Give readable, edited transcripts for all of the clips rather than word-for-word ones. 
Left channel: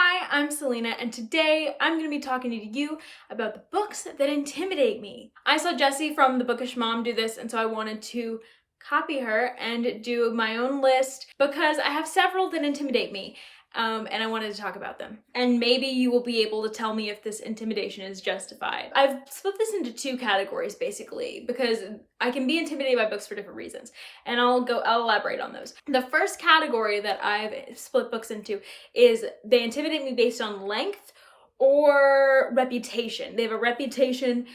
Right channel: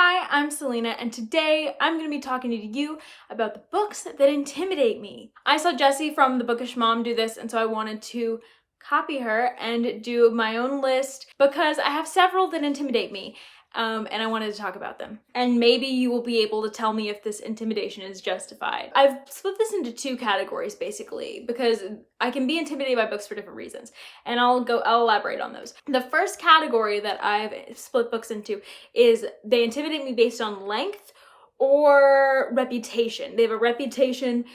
Hi, I'm Selena, and today I'm going to be talking to you about the books that intimidate me. I saw Jessie from The Bookish Mom do this, and so I wanted to copy her and do my own list because I have several that intimidate me, and I wanted to talk about them. And maybe you will be able to tell me if this intimidation is justified. I've split this into two categories, basically, because I can be intimidated by books for different reasons, and I'll elaborate on those. The first category that I've split books into is they intimidate me based on length or reputation. They have a reputation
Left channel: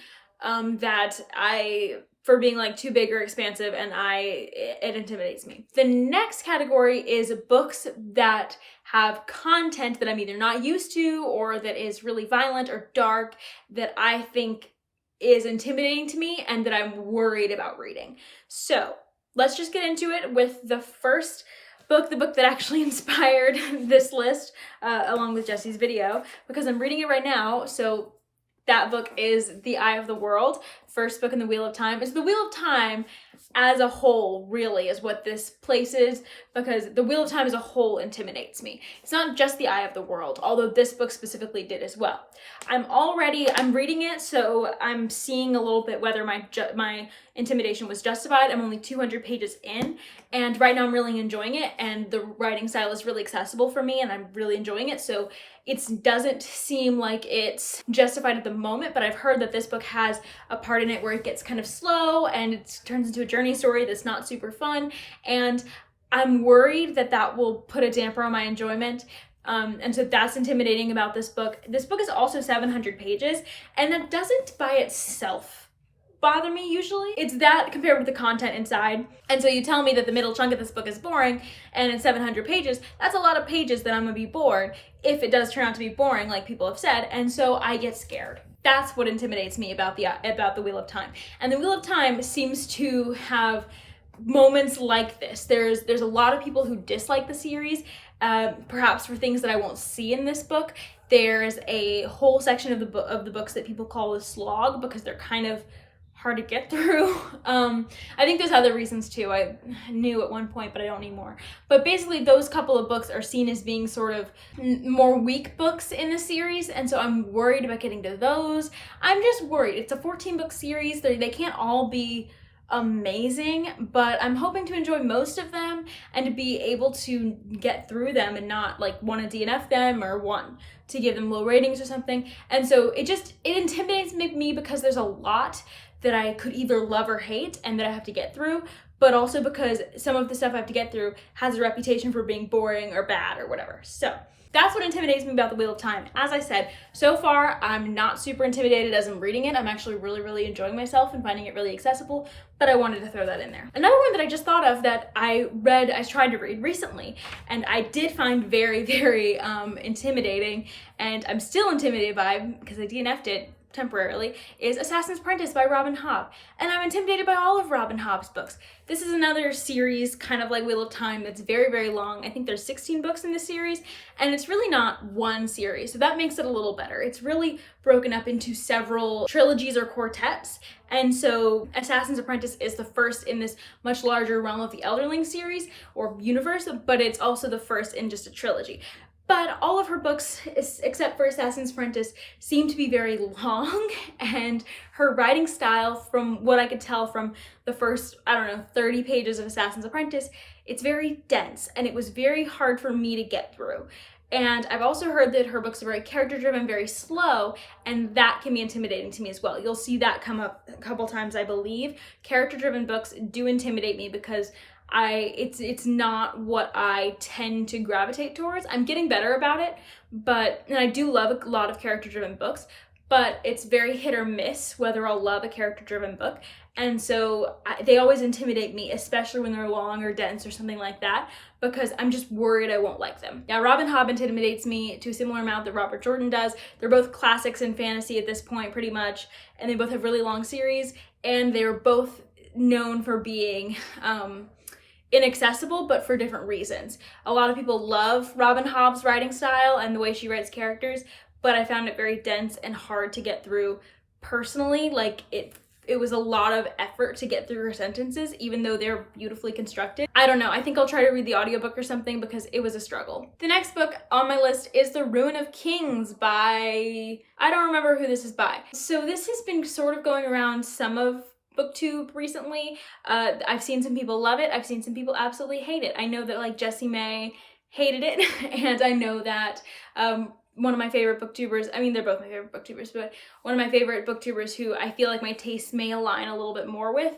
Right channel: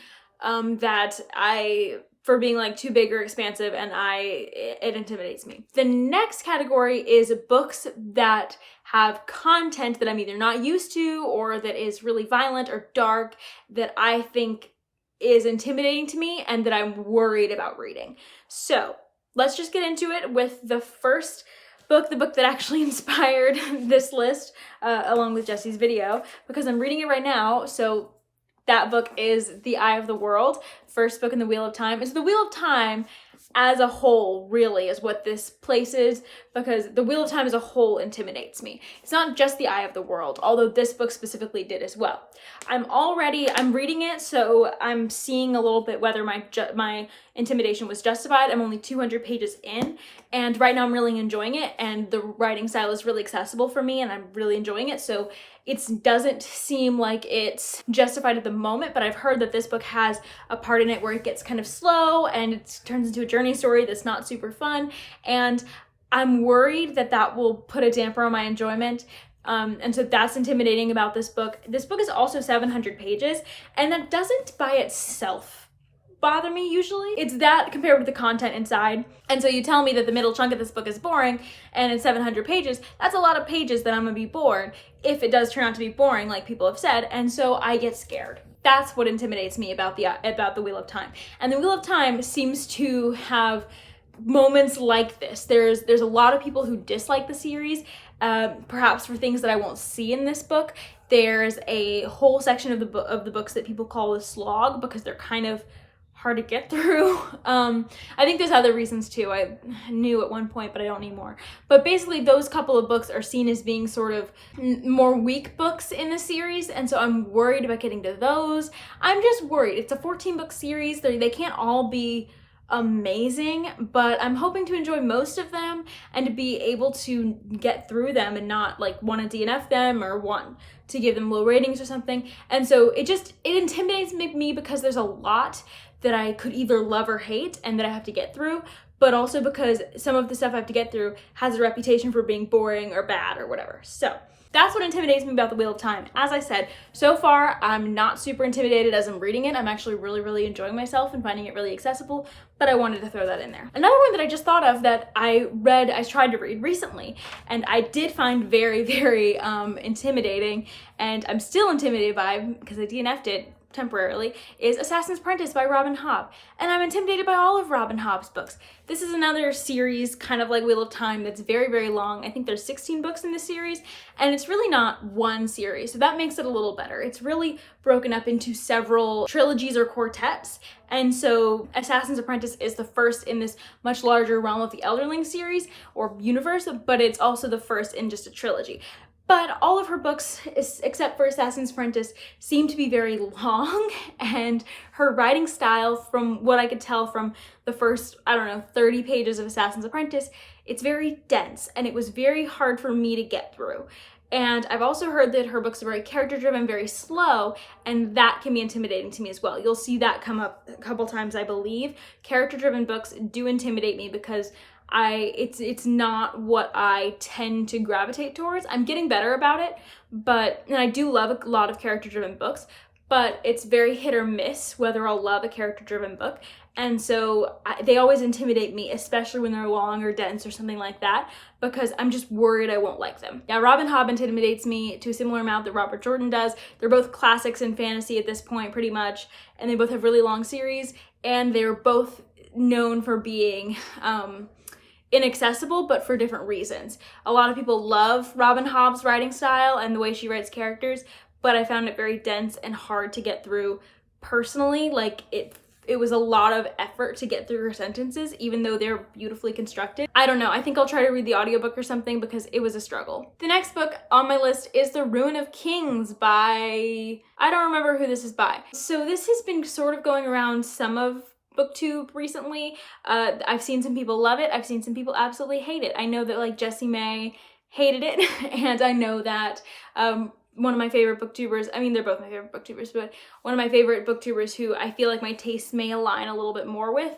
for being like too big or expansive, and it intimidates me. The next category is books that have content that I'm either not used to or that is really violent or dark that I think is intimidating to me and that I'm worried about reading. So let's just get into it with the first book, the book that actually inspired this list, along with Jessie's video, because I'm reading it right now. So that book is The Eye of the World, first book in the Wheel of Time. It's the Wheel of Time as a whole, really, is what this place is, because the Wheel of Time as a whole intimidates me. It's not just The Eye of the World, although this book specifically did as well. I'm reading it, so I'm seeing a little bit whether my intimidation was justified. I'm only 200 pages in, and right now I'm really enjoying it, and the writing style is really accessible for me, and I'm really enjoying it, so it doesn't seem like it's justified at the moment, but I've heard that this book has a part in it where it gets kind of slow and it turns into a journey story that's not super fun, and I'm worried that that will put a damper on my enjoyment. And so that's intimidating about this book. This book is also 700 pages, and that doesn't by itself bother me usually. It's that compared with the content inside. And so you tell me that the middle chunk of this book is boring and it's 700 pages, that's a lot of pages that I'm gonna be bored if it does turn out to be boring, like people have said, and so I get scared. That's what intimidates me about the Wheel of Time. And the Wheel of Time seems to have moments like this. There's a lot of people who dislike the series, perhaps for things that I won't see in this book. There's a whole section of the books that people call the slog because they're kind of hard to get through. I think there's other reasons too. I knew at one point, but I don't anymore. But basically those couple of books are seen as being sort of more weak books in the series, and so I'm worried about getting to those. I'm just worried. It's a 14-book series. They can't all be amazing, but I'm hoping to enjoy most of them and to be able to get through them and not like want to DNF them or want to give them low ratings or something. And so it intimidates me because there's a lot that I could either love or hate and that I have to get through, but also because some of the stuff I have to get through has a reputation for being boring or bad or whatever. So that's what intimidates me about the Wheel of Time. As I said, so far I'm not super intimidated as I'm reading it. I'm actually really, really enjoying myself and finding it really accessible, but I wanted to throw that in there. Another one that I just thought of that I tried to read recently, and I did find very, very intimidating, and I'm still intimidated by because I DNF'd it temporarily, is Assassin's Apprentice by Robin Hobb. And I'm intimidated by all of Robin Hobb's books. This is another series, kind of like Wheel of Time, that's very, very long. I think there's 16 books in this series, and it's really not one series, so that makes it a little better. It's really broken up into several trilogies or quartets, and so Assassin's Apprentice is the first in this much larger realm of the Elderling series, or universe, but it's also the first in just a trilogy. But all of her books, except for Assassin's Apprentice, seem to be very long, and her writing style, from what I could tell from the first, 30 pages of Assassin's Apprentice, it's very dense, and it was very hard for me to get through. And I've also heard that her books are very character-driven, very slow, and that can be intimidating to me as well. You'll see that come up a couple times, I believe. Character-driven books do intimidate me because it's not what I tend to gravitate towards. I'm getting better about it, and I do love a lot of character-driven books, but it's very hit or miss whether I'll love a character-driven book. And so they always intimidate me, especially when they're long or dense or something like that, because I'm just worried I won't like them. Now, Robin Hobb intimidates me to a similar amount that Robert Jordan does. They're both classics in fantasy at this point, pretty much, and they both have really long series, and they're both known for being inaccessible, but for different reasons. A lot of people love Robin Hobb's writing style and the way she writes characters, but I found it very dense and hard to get through personally. Like, it it was a lot of effort to get through her sentences, even though they're beautifully constructed. I don't know, I think I'll try to read the audiobook or something because it was a struggle. The next book on my list is The Ruin of Kings by, I don't remember who this is by. So this has been sort of going around some of BookTube recently. I've seen some people love it. I've seen some people absolutely hate it. I know that like Jessie May hated it, and I know that one of my favorite booktubers, I mean they're both my favorite booktubers, but one of my favorite booktubers who I feel like my tastes may align a little bit more with,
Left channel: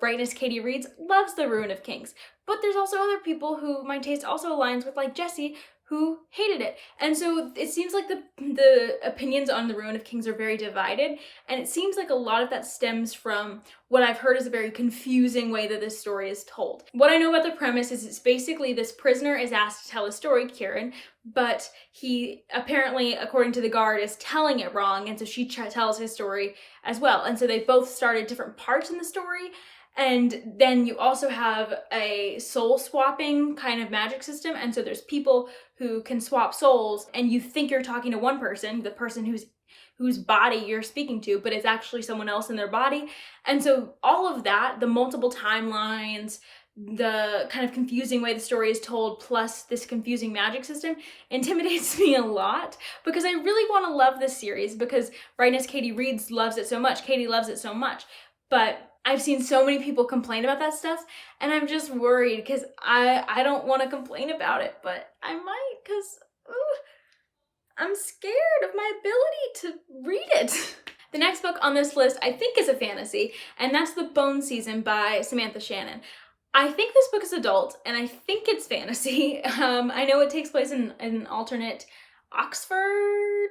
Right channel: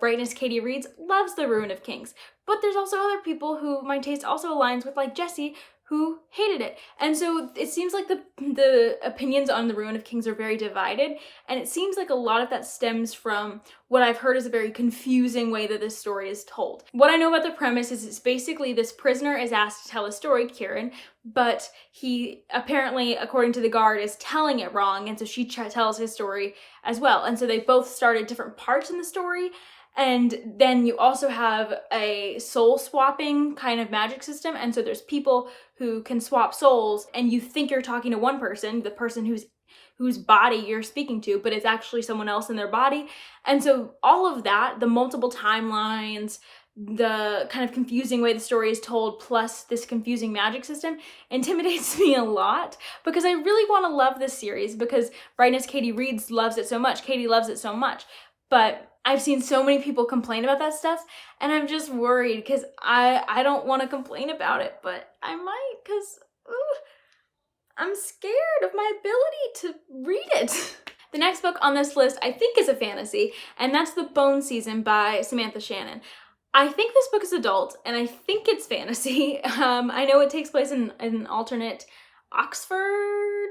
Brightness Katie Reads, loves The Ruin of Kings. But there's also other people who my taste also aligns with, like Jessie, who hated it. And so it seems like the opinions on The Ruin of Kings are very divided, and it seems like a lot of that stems from what I've heard is a very confusing way that this story is told. What I know about the premise is it's basically this prisoner is asked to tell a story, Kieran, but he apparently, according to the guard, is telling it wrong, and so she tells his story as well. And so they both started different parts in the story. And then you also have a soul swapping kind of magic system. And so there's people who can swap souls, and you think you're talking to one person, the person whose body you're speaking to, but it's actually someone else in their body. And so all of that, the multiple timelines, the kind of confusing way the story is told, plus this confusing magic system, intimidates me a lot because I really want to love this series because Brightness Katie Reads loves it so much. Katie loves it so much. But I've seen so many people complain about that stuff, and I'm just worried because I don't want to complain about it, but I might because I'm scared of my ability to read it. The next book on this list I think is a fantasy, and that's The Bone Season by Samantha Shannon. I think this book is adult, and I think it's fantasy. I know it takes place in an alternate Oxford,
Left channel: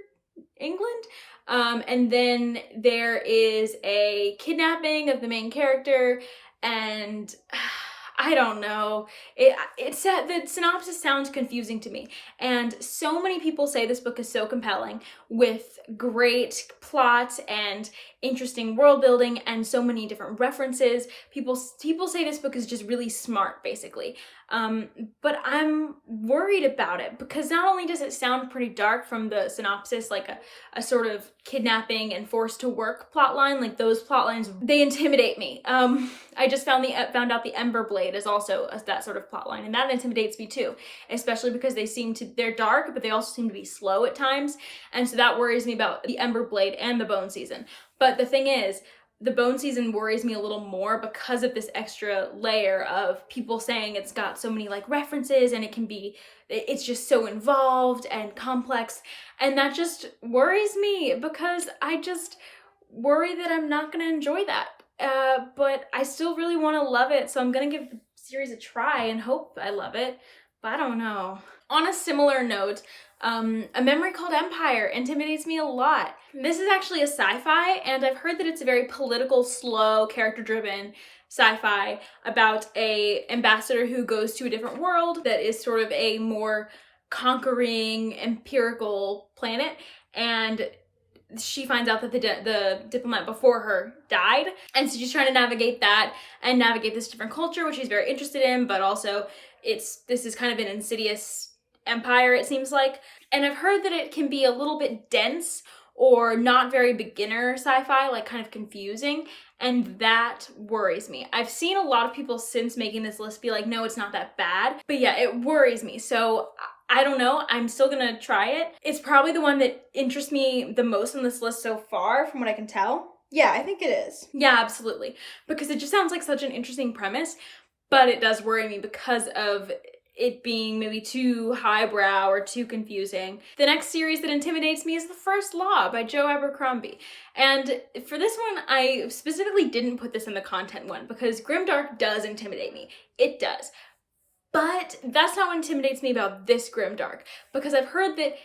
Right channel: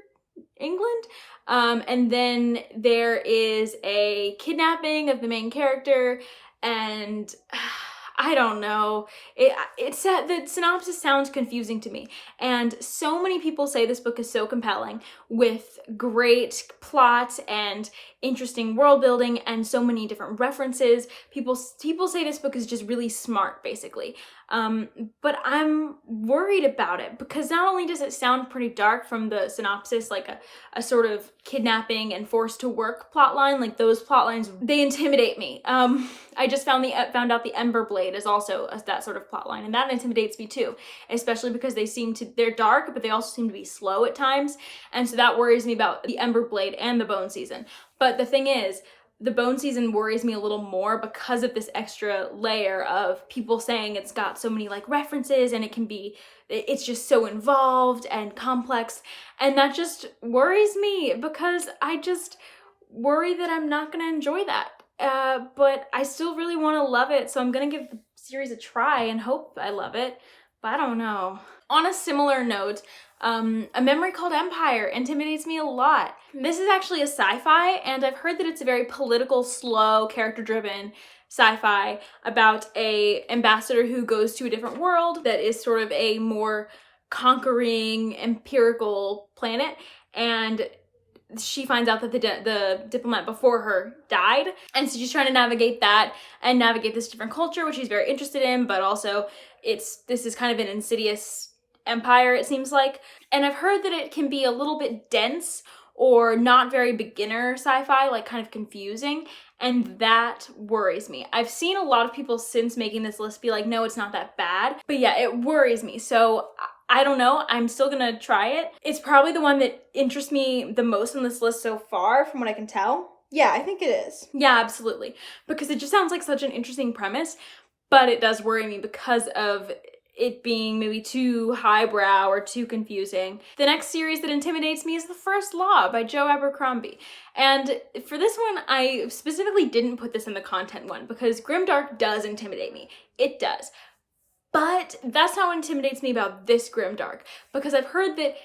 England. And then there is a kidnapping of the main character, and I don't know. The synopsis sounds confusing to me. And so many people say this book is so compelling with great plot and interesting world building and so many different references. People say this book is just really smart, basically. But I'm worried about it because not only does it sound pretty dark from the synopsis, like a sort of kidnapping and forced to work plotline, like those plotlines, they intimidate me. I just found out the Ember Blade is also that sort of plotline, and that intimidates me too, especially because they're dark, but they also seem to be slow at times, and so that worries me about the Ember Blade and the Bone Season. But the thing is, the Bone Season worries me a little more because of this extra layer of people saying it's got so many like references and it's just so involved and complex. And that just worries me because I just worry that I'm not going to enjoy that. But I still really want to love it. So I'm going to give the series a try and hope I love it. But I don't know. On a similar note, A Memory Called Empire intimidates me a lot. This is actually a sci-fi, and I've heard that it's a very political, slow, character-driven sci-fi about a ambassador who goes to a different world that is sort of a more conquering, empirical planet, and she finds out that the diplomat before her died, and so she's trying to navigate that and navigate this different culture, which she's very interested in, but also this is kind of an insidious empire, it seems like. And I've heard that it can be a little bit dense or not very beginner sci-fi, like kind of confusing, and that worries me. I've seen a lot of people since making this list be like, no, it's not that bad, but yeah, it worries me. So I don't know, I'm still gonna try it. It's probably the one that interests me the most on this list so far, from what I can tell. Yeah, I think it is. Yeah, absolutely. Because it just sounds like such an interesting premise, but it does worry me because of it being maybe too highbrow or too confusing. The next series that intimidates me is The First Law by Joe Abercrombie. And for this one, I specifically didn't put this in the content one because grimdark does intimidate me. It does. But that's not what intimidates me about this grimdark, because I've heard that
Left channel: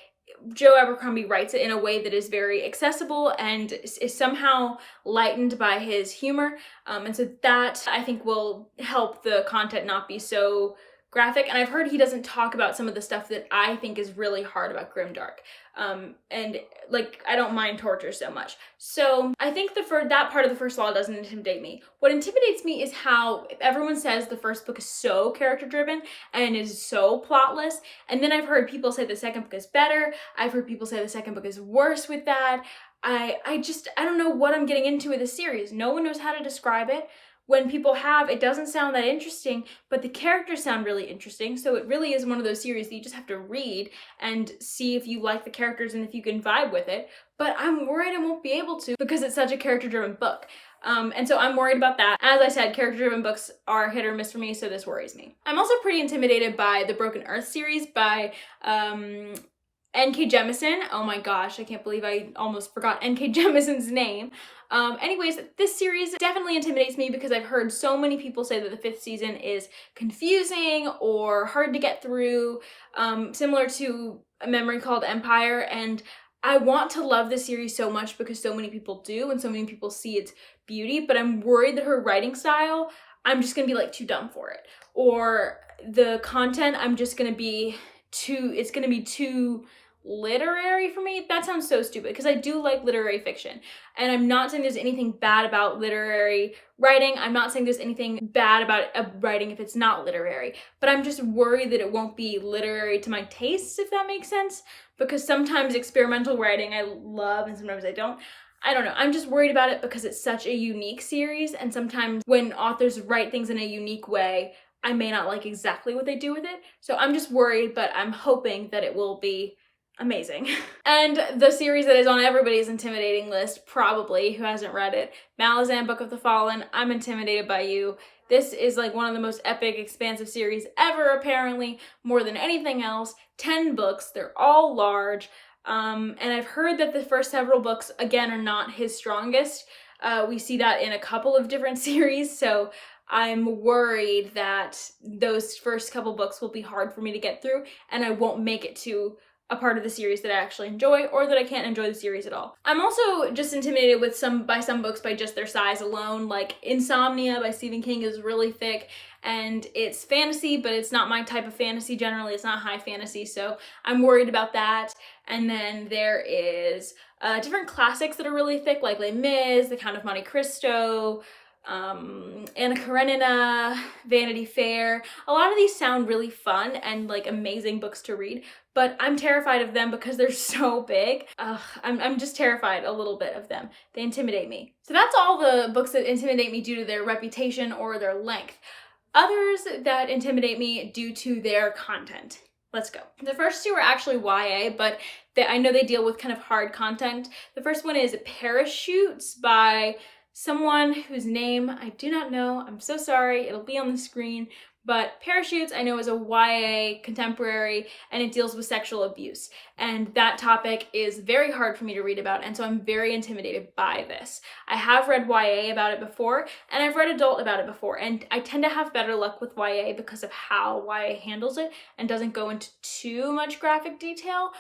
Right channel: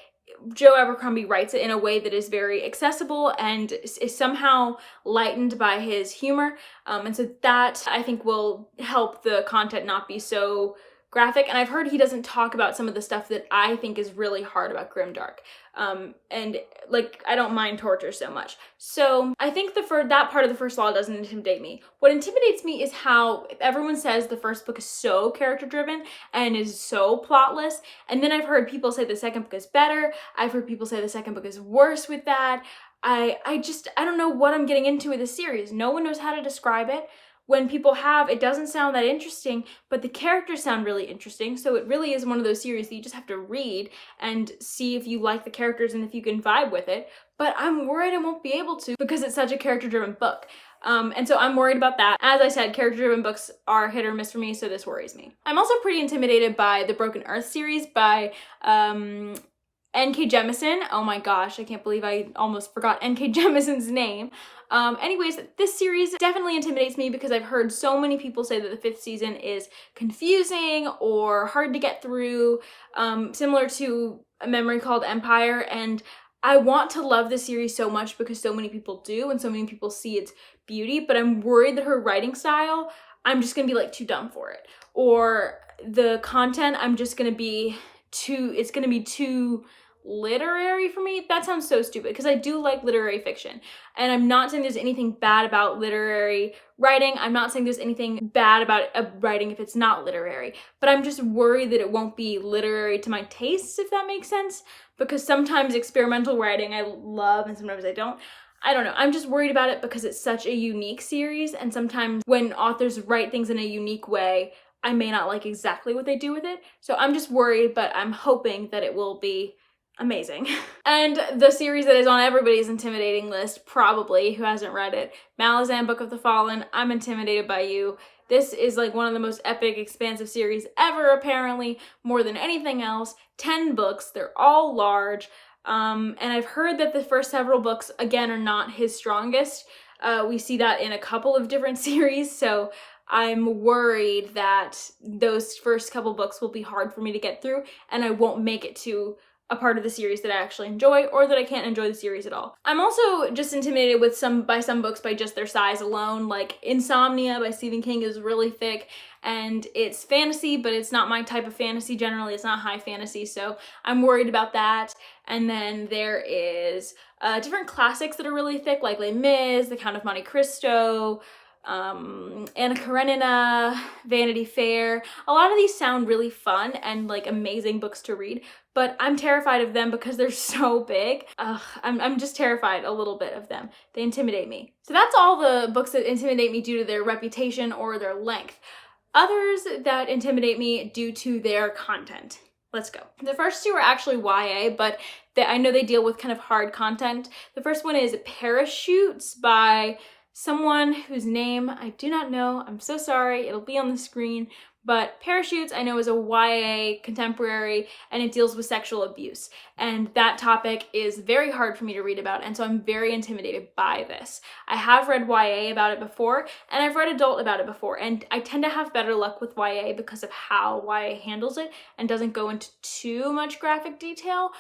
Joe Abercrombie writes it in a way that is very accessible and is somehow lightened by his humor. And so that, I think, will help the content not be so graphic. And I've heard he doesn't talk about some of the stuff that I think is really hard about grimdark. And like, I don't mind torture so much. So I think that part of The First Law doesn't intimidate me. What intimidates me is how everyone says the first book is so character driven and is so plotless. And then I've heard people say the second book is better. I've heard people say the second book is worse with that. I don't know what I'm getting into with this series. No one knows how to describe it. When people have, it doesn't sound that interesting, but the characters sound really interesting. So it really is one of those series that you just have to read and see if you like the characters and if you can vibe with it. But I'm worried I won't be able to because it's such a character-driven book. And so I'm worried about that. As I said, character-driven books are hit or miss for me, so this worries me. I'm also pretty intimidated by the Broken Earth series by N.K. Jemisin. Oh my gosh, I can't believe I almost forgot N.K. Jemison's name. Anyways, this series definitely intimidates me because I've heard so many people say that the 5th season is confusing or hard to get through, similar to A Memory Called Empire, and I want to love this series so much because so many people do and so many people see its beauty, but I'm worried that her writing style, I'm just gonna be like too dumb for it. Or the content, I'm just gonna be it's gonna be too literary for me. That sounds so stupid because I do like literary fiction, and I'm not saying there's anything bad about literary writing. I'm not saying there's anything bad about writing if it's not literary, but I'm just worried that it won't be literary to my tastes, if that makes sense, because sometimes experimental writing I love and sometimes I don't. I don't know. I'm just worried about it because it's such a unique series, and sometimes when authors write things in a unique way, I may not like exactly what they do with it. So I'm just worried, but I'm hoping that it will be amazing. And the series that is on everybody's intimidating list, probably, who hasn't read it, Malazan, Book of the Fallen. I'm intimidated by you. This is like one of the most epic, expansive series ever, apparently, more than anything else. 10 books, they're all large. And I've heard that the first several books, again, are not his strongest. We see that in a couple of different series, so I'm worried that those first couple books will be hard for me to get through, and I won't make it to a part of the series that I actually enjoy, or that I can't enjoy the series at all. I'm also just intimidated by some books by just their size alone, like Insomnia by Stephen King is really thick, and it's fantasy, but it's not my type of fantasy generally. It's not high fantasy, so I'm worried about that. And then there is different classics that are really thick, like Les Mis, The Count of Monte Cristo, Anna Karenina, Vanity Fair. A lot of these sound really fun and like amazing books to read, but I'm terrified of them because they're so big. I'm just terrified a little bit of them. They intimidate me. So that's all the books that intimidate me due to their reputation or their length. Others that intimidate me due to their content. Let's go. The first two are actually YA, but I know they deal with kind of hard content. The first one is Parachutes by someone whose name I do not know. I'm so sorry. It'll be on the screen. But Parachutes, I know, is a YA contemporary, and it deals with sexual abuse. And that topic is very hard for me to read about, and so I'm very intimidated by this. I have read YA about it before, and I've read adult about it before, and I tend to have better luck with YA because of how YA handles it and doesn't go into too much graphic detail,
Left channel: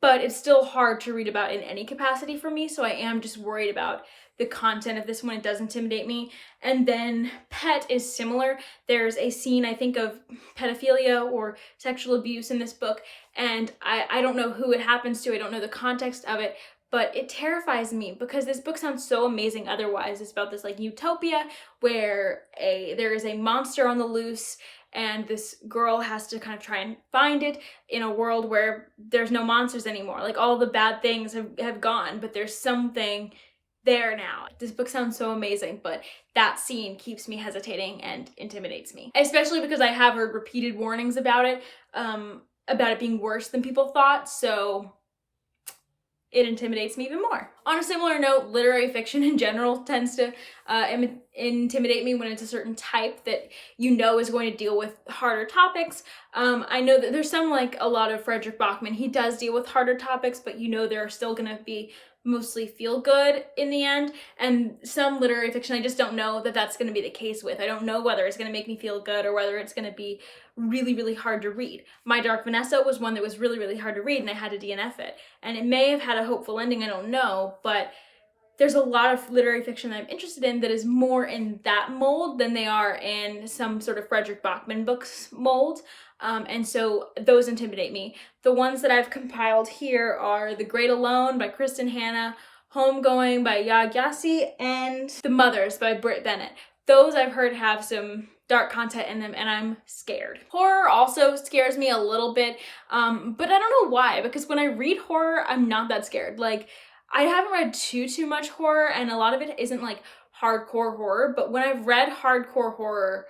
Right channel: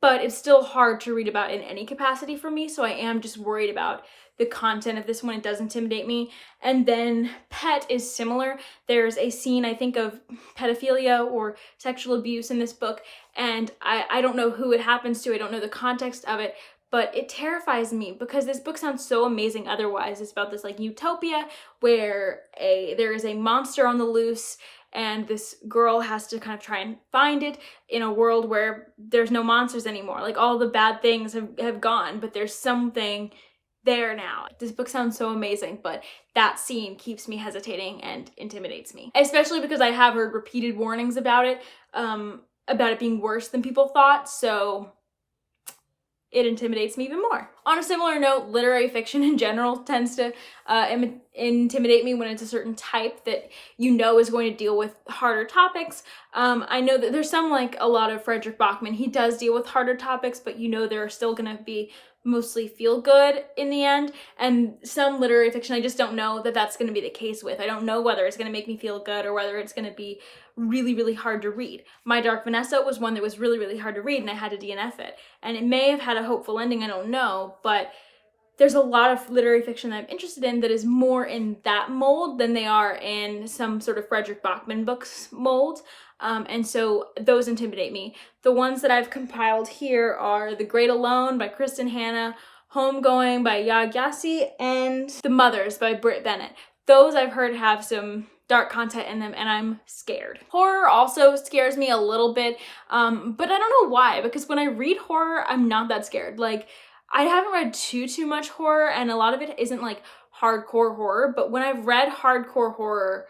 but it's still hard to read about in any capacity for me, so I am just worried about the content of this one. It does intimidate me. And then Pet is similar. There's a scene, I think, of pedophilia or sexual abuse in this book, and I don't know who it happens to. I don't know the context of it, but it terrifies me because this book sounds so amazing otherwise. It's about this like utopia where there is a monster on the loose, and this girl has to kind of try and find it in a world where there's no monsters anymore. Like all the bad things have gone, but there's something there now. This book sounds so amazing, but that scene keeps me hesitating and intimidates me, especially because I have heard repeated warnings about it being worse than people thought, so it intimidates me even more. On a similar note, literary fiction in general tends to intimidate me when it's a certain type that you know is going to deal with harder topics. I know that there's some, like a lot of Frederick Bachman, he does deal with harder topics, but you know there are still gonna be mostly feel good in the end, and some literary fiction I just don't know that that's going to be the case with. I don't know whether it's going to make me feel good or whether it's going to be really, really hard to read. My Dark Vanessa was one that was really, really hard to read, and I had to DNF it, and it may have had a hopeful ending, I don't know, but there's a lot of literary fiction that I'm interested in that is more in that mold than they are in some sort of Frederick Bachman books mold, and so those intimidate me. The ones that I've compiled here are The Great Alone by Kristen Hanna, Homegoing by Yaa Gyasi, and The Mothers by Britt Bennett. Those I've heard have some dark content in them, and I'm scared. Horror also scares me a little bit, but I don't know why, because when I read horror, I'm not that scared. Like, I haven't read too much horror, and a lot of it isn't like hardcore horror, but when I've read hardcore horror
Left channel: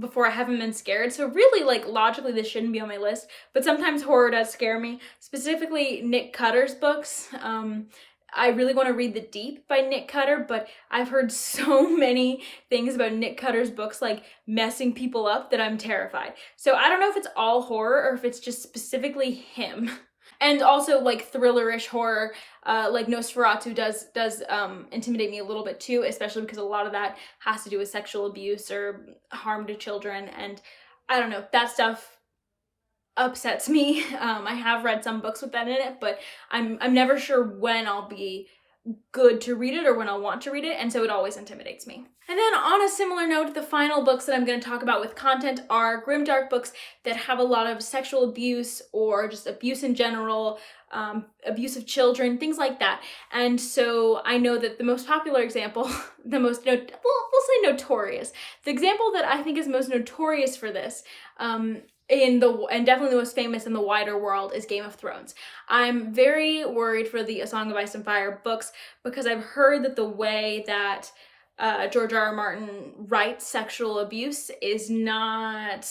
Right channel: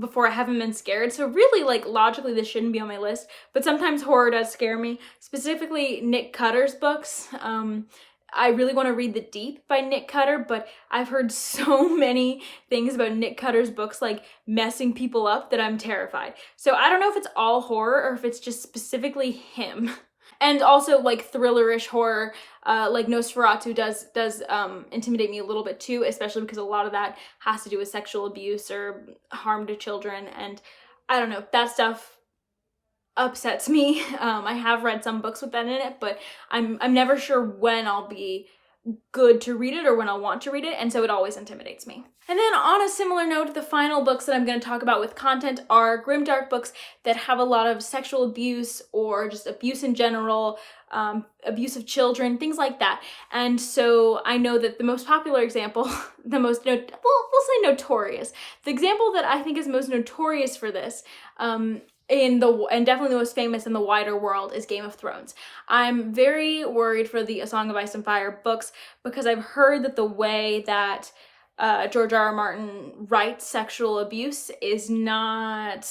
before, I haven't been scared. So really, like, logically this shouldn't be on my list, but sometimes horror does scare me, specifically Nick Cutter's books. I really want to read The Deep by Nick Cutter, but I've heard so many things about Nick Cutter's books like messing people up that I'm terrified. So I don't know if it's all horror or if it's just specifically him. And also like thrillerish horror, like Nosferatu does intimidate me a little bit too, especially because a lot of that has to do with sexual abuse or harm to children, and I don't know, that stuff upsets me. I have read some books with that in it, but I'm never sure when I'll be good to read it or when I'll want to read it, and so it always intimidates me. And then on a similar note, the final books that I'm going to talk about with content are grimdark books that have a lot of sexual abuse or just abuse in general, abuse of children, things like that. And so I know that the most popular example, we'll say notorious. The example that I think is most notorious for this, and definitely the most famous in the wider world, is Game of Thrones. I'm very worried for the A Song of Ice and Fire books because I've heard that the way that George R.R. Martin writes sexual abuse is not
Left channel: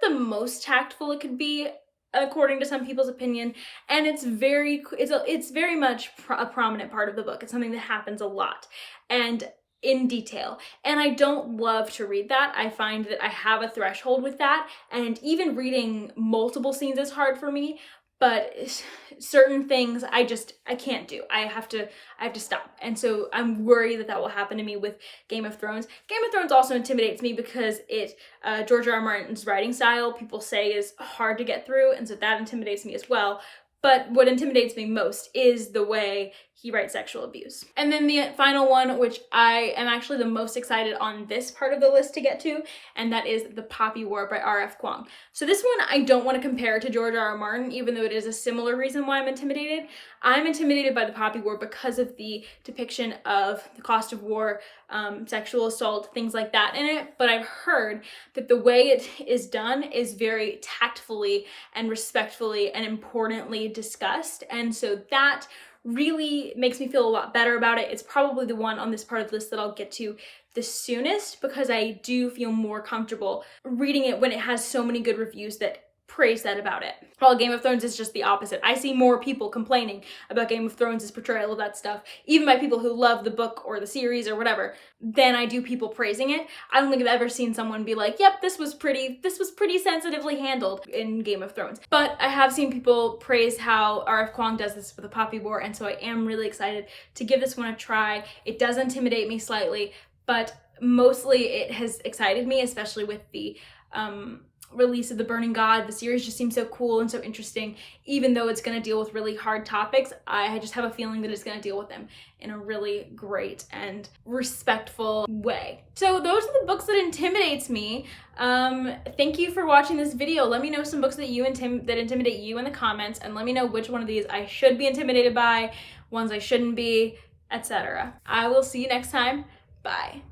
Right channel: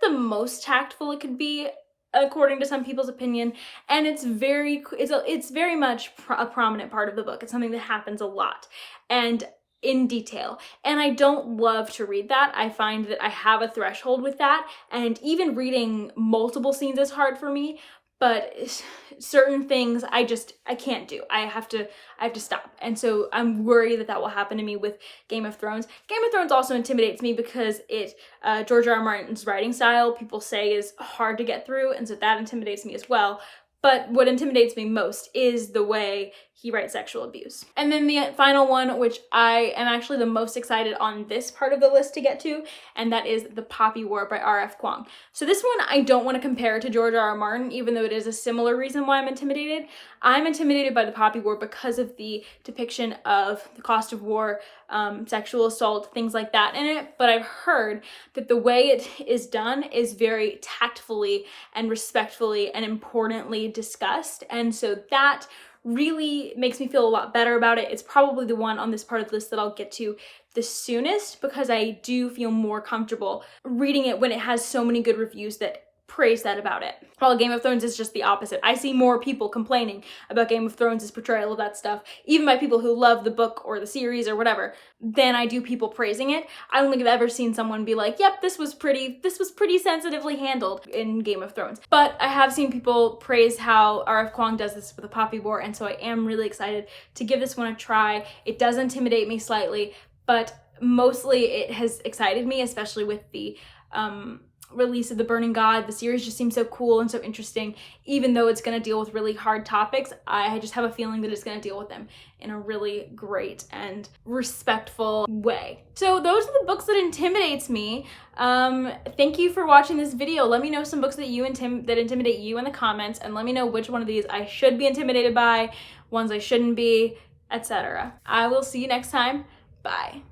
the most tactful it could be, according to some people's opinion, and it's very much a prominent part of the book. It's something that happens a lot and in detail, and I don't love to read that. I find that I have a threshold with that, and even reading multiple scenes is hard for me, but certain things I can't do. I have to stop. And so I'm worried that will happen to me with Game of Thrones. Game of Thrones also intimidates me because George R.R. Martin's writing style, people say, is hard to get through, and so that intimidates me as well. But what intimidates me most is the way he writes sexual abuse. And then the final one, which I am actually the most excited on this part of the list to get to, and that is The Poppy War by R.F. Kuang. So this one I don't want to compare to George R.R. Martin, even though it is a similar reason why I'm intimidated. I'm intimidated by The Poppy War because of the depiction of the cost of war, sexual assault, things like that in it, but I've heard that the way it is done is very tactfully and respectfully and importantly discussed, and so that really makes me feel a lot better about it. It's probably the one on this part of the list that I'll get to the soonest because I do feel more comfortable reading it when it has so many good reviews that praise that about it. While Game of Thrones is just the opposite. I see more people complaining about Game of Thrones' portrayal of that stuff, even by people who love the book or the series or whatever, than I do people praising it. I don't think I've ever seen someone be like, yep, this was pretty sensitively handled in Game of Thrones. But I have seen people praise how R.F. Kuang does this for The Poppy War, and so I am really excited to give this one a try. It does intimidate me slightly, but mostly it has excited me, especially with the release of The Burning God. The series just seems so cool and so interesting. Even though it's going to deal with really hard topics, I just have a feeling that it's going to deal with them in a really great and respectful way. So those are the books that intimidates me. Thank you for watching this video. Let me know some books that intimidate you in the comments, and let me know which one of these I should be intimidated by, ones I shouldn't be, etc. I will see you next time. Bye.